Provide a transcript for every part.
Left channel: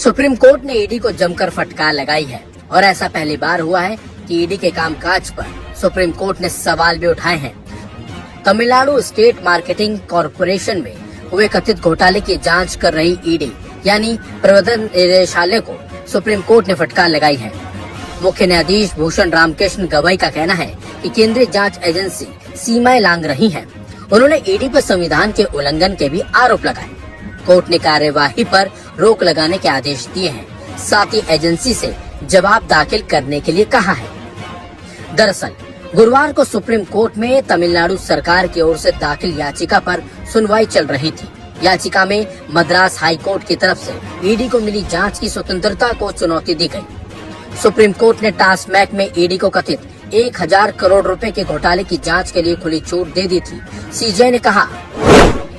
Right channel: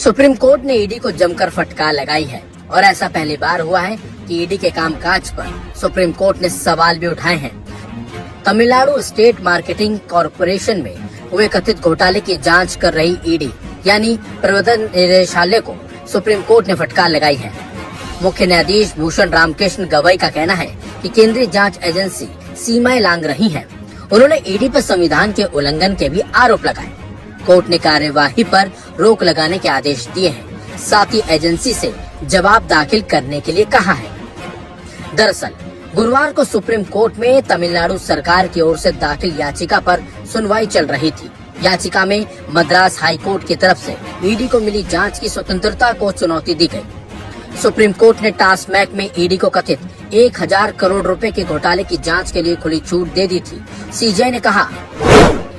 Supreme court ने ED को जमकर फटकार लगाई है और ऐसा पहली बार हुआ है कि ईडी के कामकाज पर सुप्रीम कोर्ट ने सवाल भी उठाए हैं। तमिलनाडु स्टेट मार्केटिंग कॉरपोरेशन में हुए कथित घोटाले की जांच कर रही ईडी यानी प्रवर्तन निदेशालय को सुप्रीम कोर्ट ने फटकार लगाई है। मुख्य न्यायाधीश भूषण रामकृष्ण गवई का कहना है कि केंद्रीय जांच एजेंसी सीमाएं लांघ रही है। उन्होंने ईडी पर संविधान के उल्लंघन के भी आरोप लगाए। कोर्ट ने कार्यवाही पर रोक लगाने के आदेश दिए हैं, साथ ही एजेंसी से जवाब दाखिल करने के लिए कहा है। दरअसल गुरुवार को सुप्रीम कोर्ट में तमिलनाडु सरकार की ओर से दाखिल याचिका पर सुनवाई चल रही थी। याचिका में मद्रास हाई कोर्ट की तरफ से ईडी को मिली जांच की स्वतंत्रता को चुनौती दी गई। सुप्रीम कोर्ट ने टास्कमैक में ईडी को कथित 1000 करोड़ रुपए के घोटाले की जांच के लिए खुली छूट दे दी थी। सीजेआई ने कहा,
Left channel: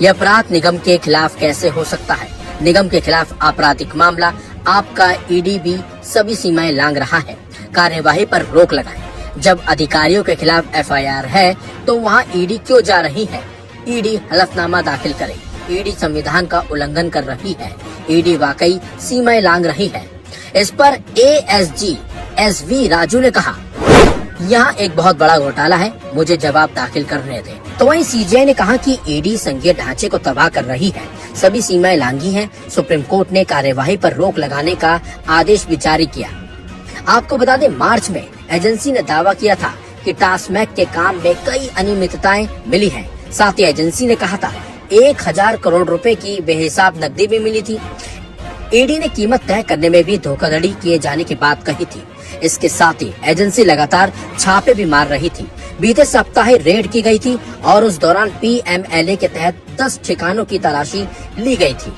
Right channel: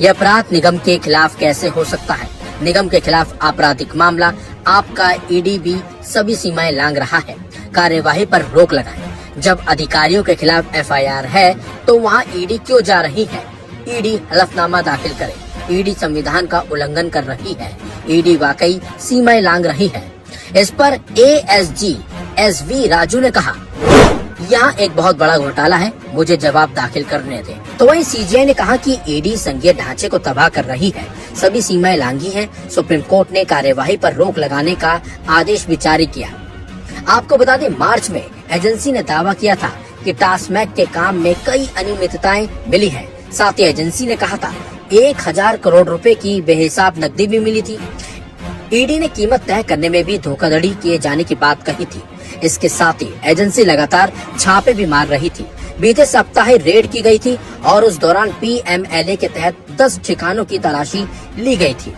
यह अपराध निगम के खिलाफ कैसे हो सकता है? निगम के खिलाफ आपराधिक मामला, आपका ईडी भी सभी सीमाएं लांघ रहा है। कार्यवाही पर रोक लगाएं। जब अधिकारियों के खिलाफ एफआईआर है तो वहां ईडी क्यों जा रही है? ईडी हलफनामा दाखिल करे। ईडी संविधान का उल्लंघन कर रही है। ईडी वाकई सीमाएं लांघ रही है। इस पर एएसजी एसवी राजू ने कहा, यहाँ एक बहुत बड़ा घोटाला है, मुझे जवाब दाखिल करने दें। तो वहीं सीजेआई ने कहा कि ईडी संघीय ढांचे को तबाह कर रही है, सभी सीमाएं लांघी हैं। सुप्रीम कोर्ट ने कार्यवाही पर रोक लगाने का आदेश भी जारी किया। आपको बता दें, मार्च में एजेंसी ने दावा किया था कि टास्कमैक के काम में कई अनियमितताएं मिली हैं। साथ ही एजेंसी ने कहा था 1000 करोड़ रुपए की बेहिसाब नकदी भी मिली थी। ईडी ने कीमत तय करने में भी धोखाधड़ी किए जाने की बात कही थी। इसके साथ ही एजेंसी लगातार छापे भी मार रही थी। बीते सप्ताह रेड की गई थी और उस दौरान पीएमएलए के तहत 10 ठिकानों की तलाशी ली गई थी।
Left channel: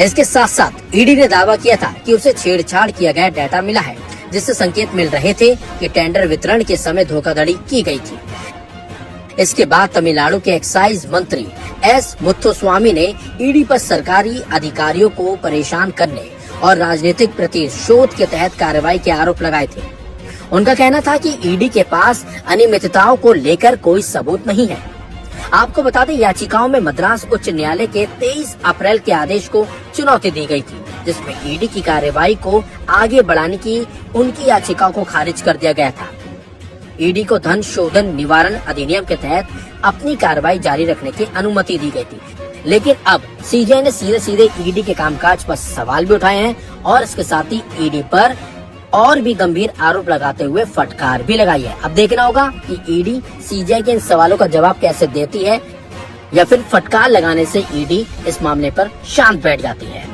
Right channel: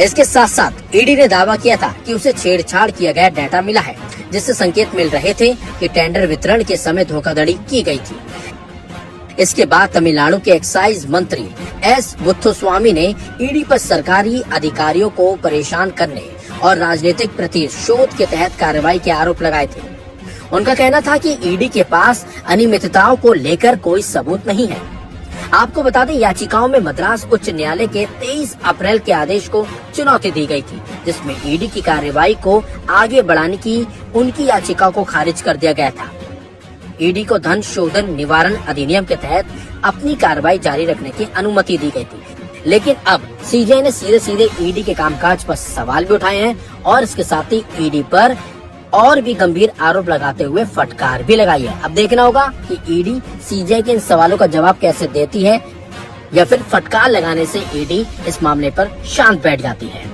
इसके साथ साथ ईडी ने दावा किया था कि उसे छेड़छाड़ किया गया डाटा मिला है, जिससे संकेत मिल रहे थे कि टेंडर वितरण के समय धोखाधड़ी की गई थी। इसके बाद तमिलनाडु के एक्साइज मंत्री एस मुथुस्वामी ने ईडी पर सरकारी अधिकारियों को परेशान करने और राजनीतिक प्रतिशोध के तहत कार्रवाई के आरोप लगाए थे। उनका कहना था कि ईडी के पास अनियमितताओं को लेकर कोई सबूत नहीं है। आपको बता दें, याचिकाओं में मद्रास उच्च न्यायालय के 23 अप्रैल के आदेश को चुनौती दी गई थी, जिसमें ईडी की कार्रवाई को आगे बढ़ाने की उनकी याचिका को खारिज कर दिया गया था। ईडी को धन शोधन निवारण अधिनियम के तहत अपनी कार्रवाई जारी रखने की अनुमति दी गई थी, लेकिन अब सीजेआई ने सीधे ईडी के कामकाज पर सवाल भी उठाए हैं और इसके साथ ही ईडी पर और भी गंभीर आरोप लगाते हुए फटकार भी लगाई है। अब देखना होगा कि ईडी सीजेआई के इन सवालों का जवाब कैसे देती है या फिर फटकार लगाने से ईडी इस मामले पर शांत बैठ जाती है।